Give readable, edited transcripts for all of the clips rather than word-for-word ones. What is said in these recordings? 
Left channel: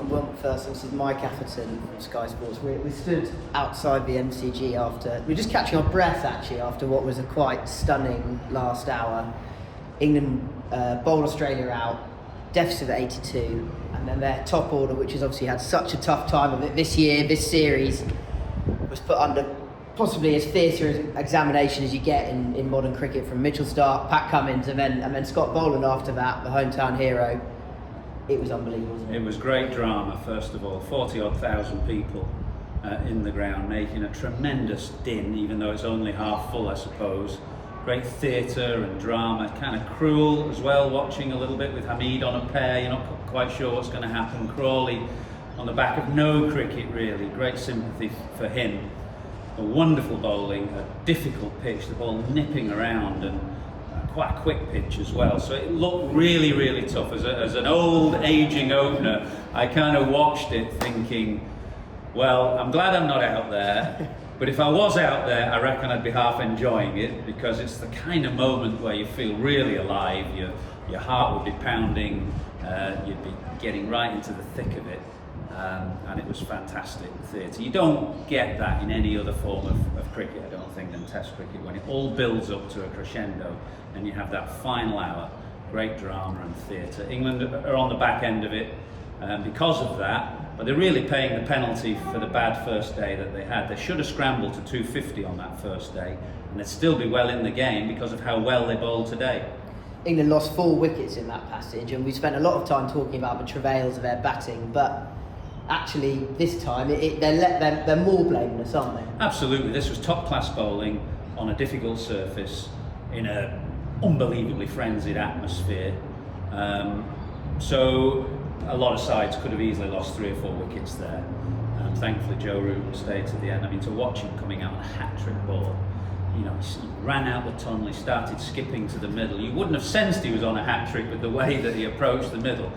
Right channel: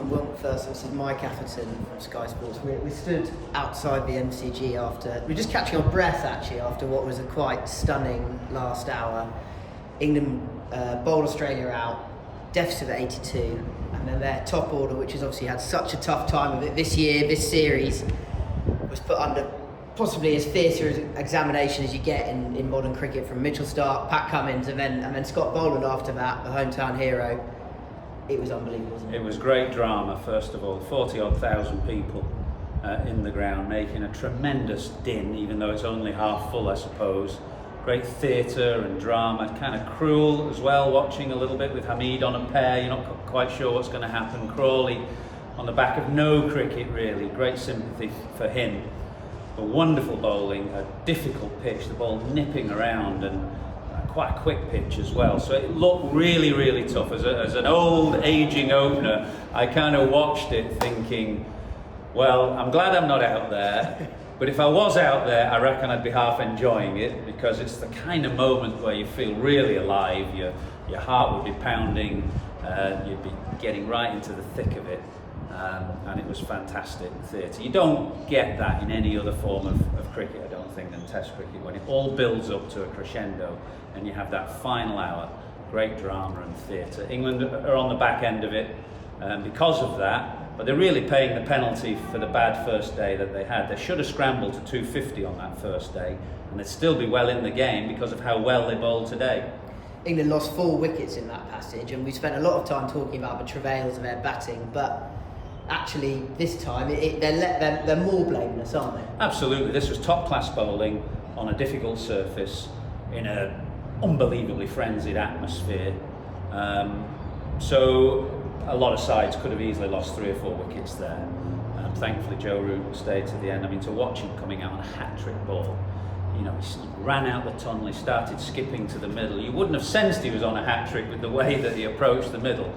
I'm Will MacPherson, this is Mike Atherton from Sky Sports. We stood outside the MCG we're just catching our breath actually after what was a quite stunning last hour. England bowled Australia out, deficit of 82, and then their top order, which has obviously had such a tough time of it this year, this series, was put under possibly as fierce an examination as you get in modern cricket, from Mitchell Starc, Pat Cummins, and then Scott Boland after that, the hometown hero. It was unbelievable, wasn't it? It was great drama, first of all. 40-odd thousand people in the ground, making a tremendous din, even though it's only half full, I suppose. Great theatre and drama, kind of cruel as well, watching a little bit with Hamid on a pair. You're not quite sure what's going to happen. Crawley on the back of no cricket, really. Great sympathy for him. A wonderful bowling, a difficult pitch, the ball nipping around, and quite a quick pitch as well, so it looked really, really tough. As an old, ageing opener, I kind of watched it thinking, well, I'm glad I'm not out there, but if I was out there, I reckon I'd be half enjoying it, because it's the kind of moment where you feel really alive, your heart would be pounding, you'd be getting right into the thick of it, and it was fantastic theatre. You don't get that in any other form of cricket, I don't think, than Test cricket, when it all builds up to a crescendo and you have that final hour. Great drama and theatre. England are on the back end of it because of that, but they're really paying the penalty for the bad first day that they had. They should have scrambled to 250 on that first day, and they'd still be well in the game because of how well they bowled today. England lost 4 wickets in that passage, and we spent a lot of time talking about the travails of their batting, but actually this time they're more blameless, aren't they? Absolutely. This was top class bowling on a difficult surface in a unbelievably frenzied atmosphere. So a lot of sides could have easily lost 3 or 4 wickets there. Thankfully Joe Root stayed to the end. I mean, to watch him coming out on a hat-trick ball, you know, he ran out the tunnel, he started skipping to the middle. You wouldn't have sensed he was on a hat-trick with the way that he approached the middle.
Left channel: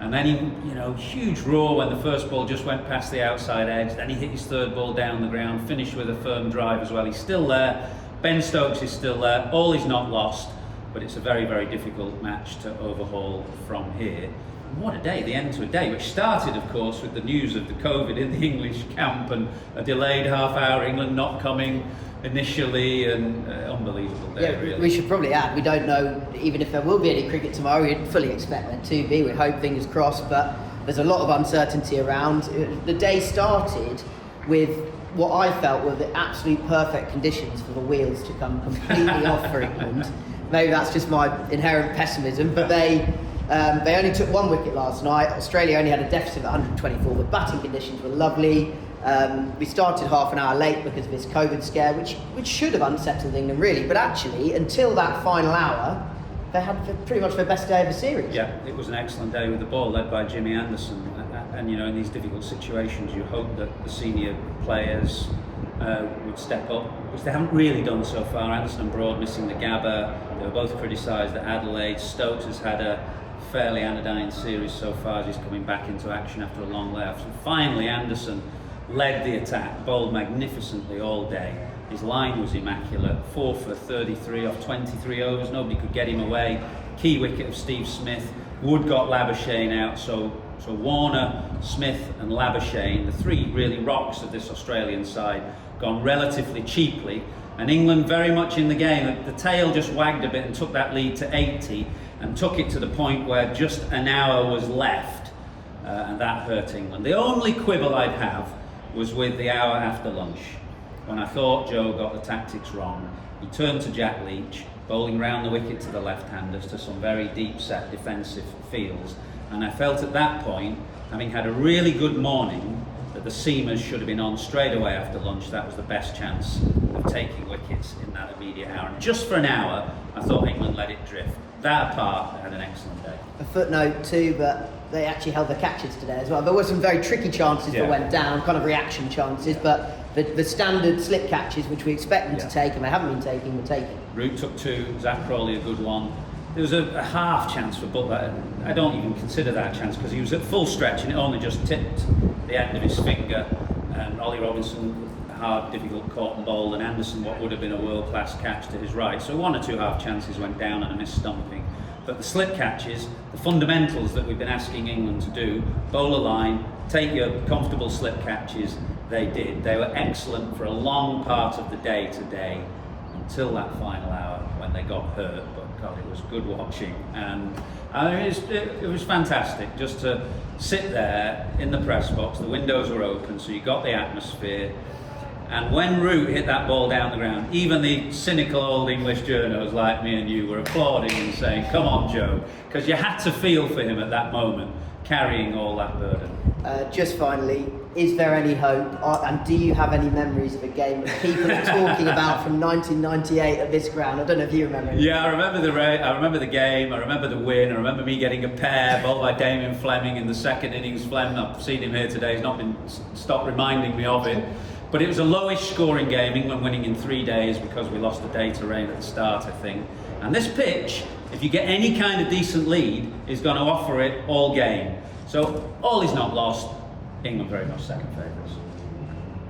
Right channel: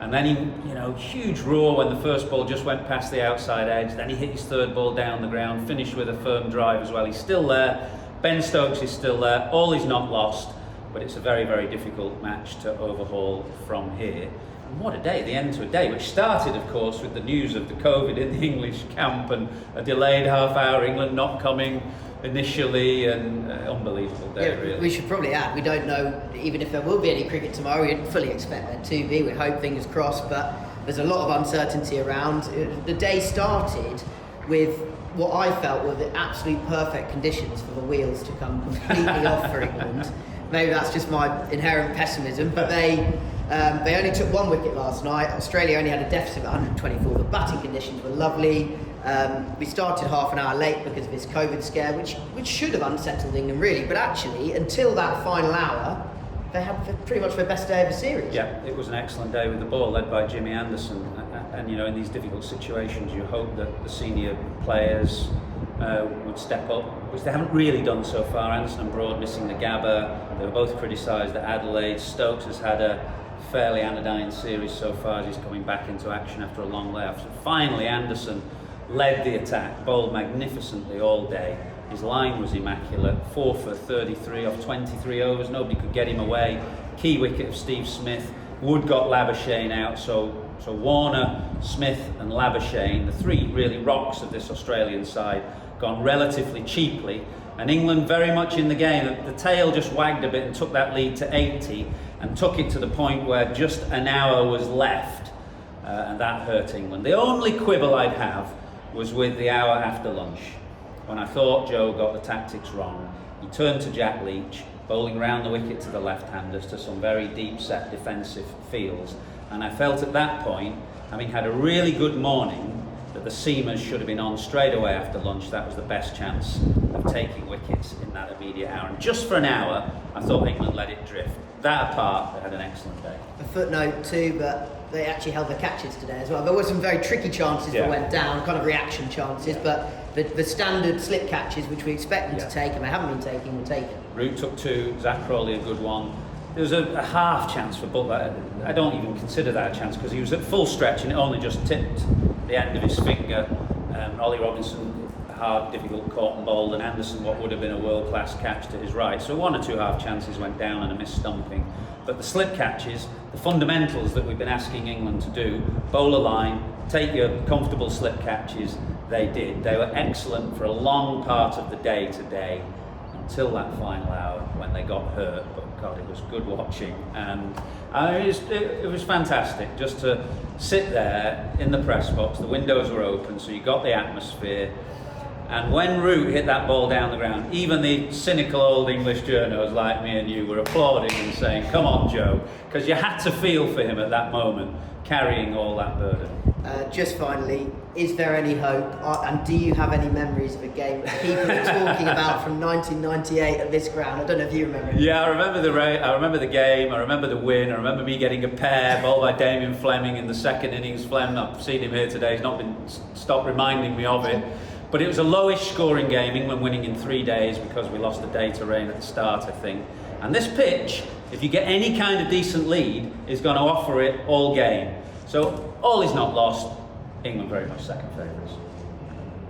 And then he, you know, huge roar when the first ball just went past the outside edge. Then he hit his third ball down the ground, finished with a firm drive as well. He's still there. Ben Stokes is still there. All is not lost, but it's a very, very difficult match to overhaul from here. And what a day, the end to a day, which started, of course, with the news of the COVID in the English camp and a delayed half hour, England not coming initially, and unbelievable day, yeah, really. We should probably add, we don't know even if there will be any cricket tomorrow. We'd fully expect there to be, we hope, fingers crossed, but there's a lot of uncertainty around. The day started with what I felt were the absolute perfect conditions for the wheels to come completely off for England. Maybe that's just my inherent pessimism, but they only took 1 wicket last night. Australia only had a deficit of 124. The batting conditions were lovely. We started half an hour late because of this COVID scare, which should have unsettled England really, but actually until that final hour they had pretty much their best day of the series. Yeah, it was an excellent day with the ball, led by Jimmy Anderson, and you know, in these difficult situations you hope that the senior players would step up, which they haven't really done so far. Anderson and Broad missing the Gabba, they were both criticised at Adelaide. Stokes has had a fairly anodyne series so far as he's coming back into action after a long layoff. So finally Anderson led the attack, bowled magnificently all day. His line was immaculate, 4 for 33 off 23 overs, nobody could get him away. Key wicket of Steve Smith. Wood got Labuschagne out, so Warner, Smith and Labuschagne, the 3 really rocks of this Australian side, gone relatively cheaply, and England very much in the game. The tail just wagged a bit and took that lead to 80, and took it to the point where just an hour was left, and that hurt England. The only quibble I'd have was with the hour after lunch, when I thought Joe got the tactics wrong. He turned to Jack Leach, bowling round the wicket to the left-handers to some very deep-set defensive fields, and I felt at that point, having had a really good morning, that the seamers should have been on straight away after lunch. That was the best chance of taking wickets in that immediate hour. And just for an hour, I thought England let it drift. That apart, they had an excellent day. A footnote too, but they actually held their catches today as well. There were some very tricky chances that went down, kind of reaction chances, but the standard slip catches, which we expected to take, and they haven't been taken, were taken. Root took 2, Zach Crawley a good one. There was a half chance for Butler. I don't even consider that a chance because he was at full stretch and it only just tipped the end of his finger. Ollie Robinson, hard, difficult caught and bowled, and Anderson what would have been a world-class catch to his right. So 1 or 2 half chances went down and a missed stumping. But the slip catches, the fundamentals that we've been asking England to do, bowl a line, take your comfortable slip catches, they did. They were excellent for a long part of the day today, until that final hour when they got hurt. But God, it was good watching, and it was fantastic just to sit there in the press box. The windows were open, so you got the atmosphere. And when Root hit that ball down the ground, even the cynical old English journos like me and you were applauding and saying, "Come on, Joe," because you had to feel for him at that moment, carrying all that burden. Just finally, is there any hope, and do you have any memories of a game that people are talking about from 1998 at this ground? I don't know if you remember anything. Yeah, I remember the game, I remember the win, I remember me getting a pair bowled by Damien Fleming in the second innings. Flem, I've seen him here today, he's not been stopped reminding me of it. But it was a lowish scoring game, England winning in 3 days because we lost a day to rain at the start, I think. And this pitch, if you get any kind of decent lead, is going to offer it all game. So all is not lost. England very much second favourites.